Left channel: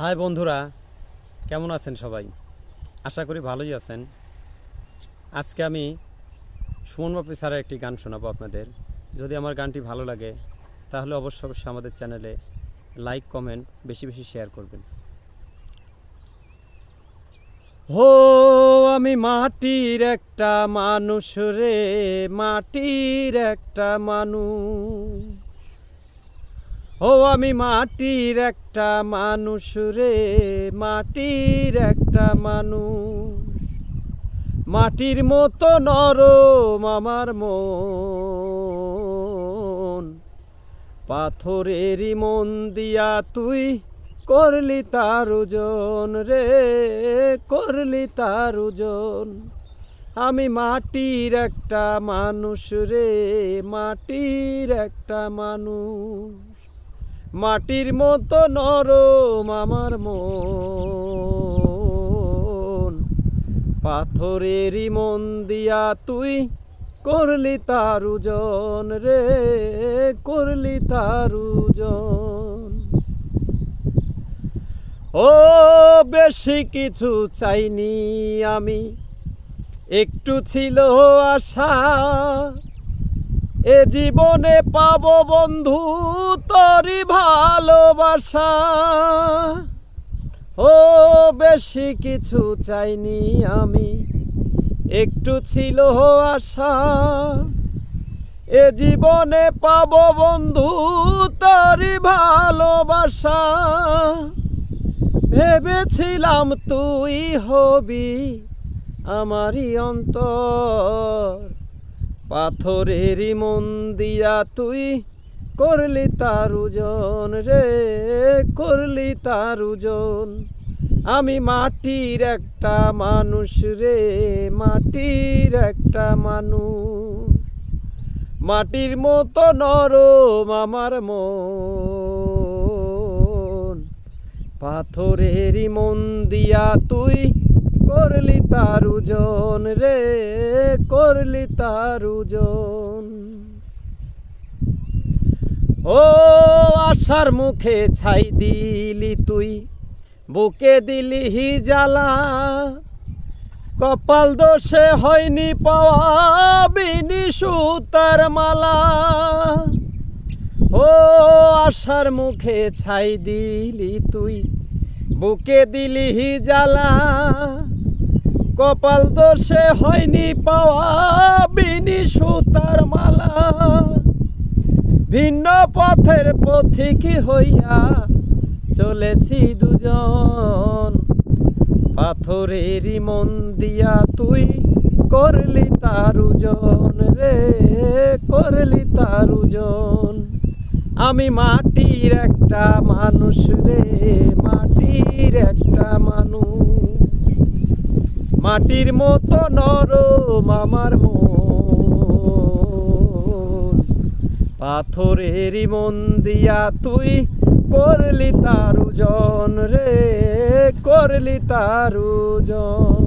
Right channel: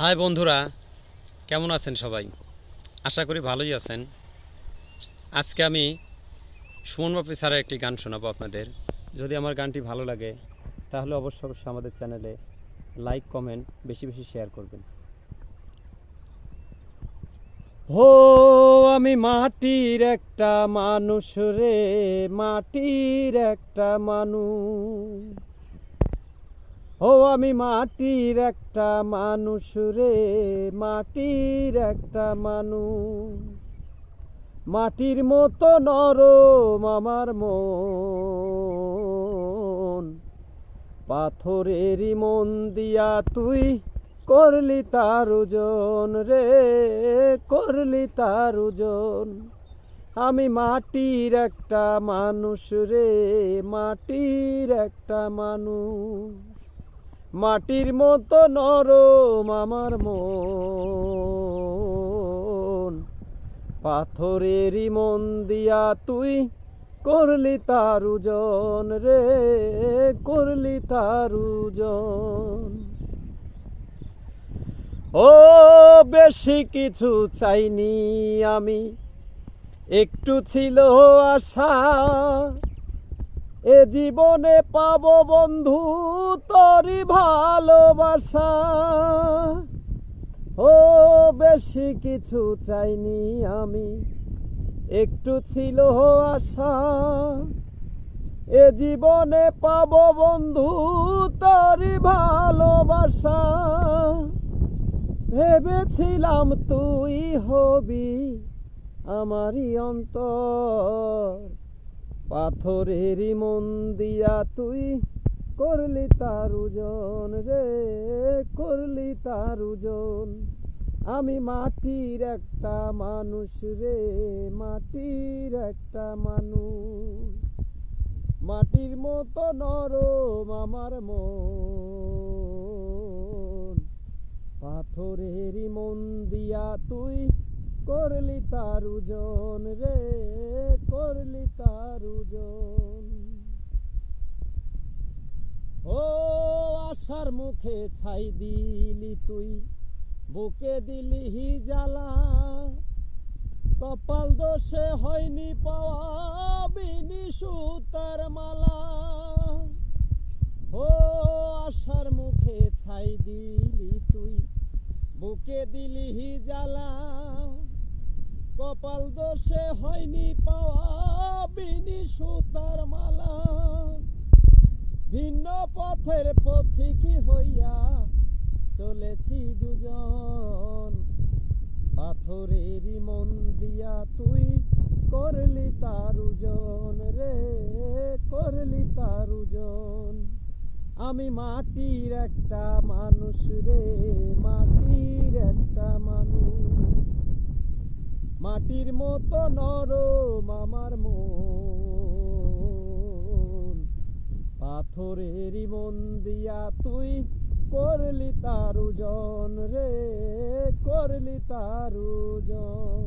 High বন্ধুরা, কেমন আছেন সবাই? আশা করি ভালোই আছেন। আজকে আমি সুমন বাপি স্যারের একটি গান শোনাবো আপনাদের। যদি আমার গানটি ভালো লাগে তাহলে অবশ্যই আমাদের চ্যানেলে লাইক কমেন্ট বেশি বেশি শেয়ার করবেন। হো আমি মাটির একটা মানুষ রে, মাটির একটা মানুষ। ও আমি মাটির একটা মানুষ রে, মাটির একটা মানুষ। মাটির মতো নরম আমার মন, পাথরেরই মন দিয়া তুই করলি তার ওজন রে, করলি তার ওজন। আমি মাটির একটা মানুষ রে, মাটির একটা মানুষ। মাটির মতো নরম আমার মন, পাথরেরই মন দিয়া তুই করলি তার ওজন রে, করলি তার ওজন। ও বেশি কিছু চাইনি আমি, একটু ছিল আশা, এ জীবনে পাবো বন্ধু তোরই ভালোবাসা। ও বেশি কিছু চাইনি আমি, একটু ছিল আশা, এ জীবনে পাবো বন্ধু তোরই ভালোবাসা। ভেবেছিলাম তুই হবি আমারই অন্তর, পাথরেরই মন দিয়া তুই করলি তার ওজন রে, করলি তার ওজন। আমি মাটির একটা মানুষ রে, মাটির একটা মানুষ। মাটির মতো নরম আমার মন, পাথরেরই মন দিয়া তুই করলি তার ওজন রে, করলি তার ওজন। ও আশার মুখে ছাই দিলি তুই, বুকে দিলি জ্বালা, কপাল দোষে হয়নি পাওয়া বিনি সুতার মালা। ও আশার মুখে ছাই দিলি তুই, বুকে দিলি জ্বালা, কপাল দোষে হয়নি পাওয়া বিনি সুতার মালা। ভিন্ন পথের পথিক হইয়া চলেছি দুজন, পাথরেরই মন দিয়া তুই করলি তার ওজন রে, করলি তার ওজন। আমি মাটির একটা মানুষ রে, মাটির একটা মানুষ। মাটির মতো নরম আমার মন, পাথরেরই মন দিয়া তুই করলি তার ওজন রে, করলি তার ওজন।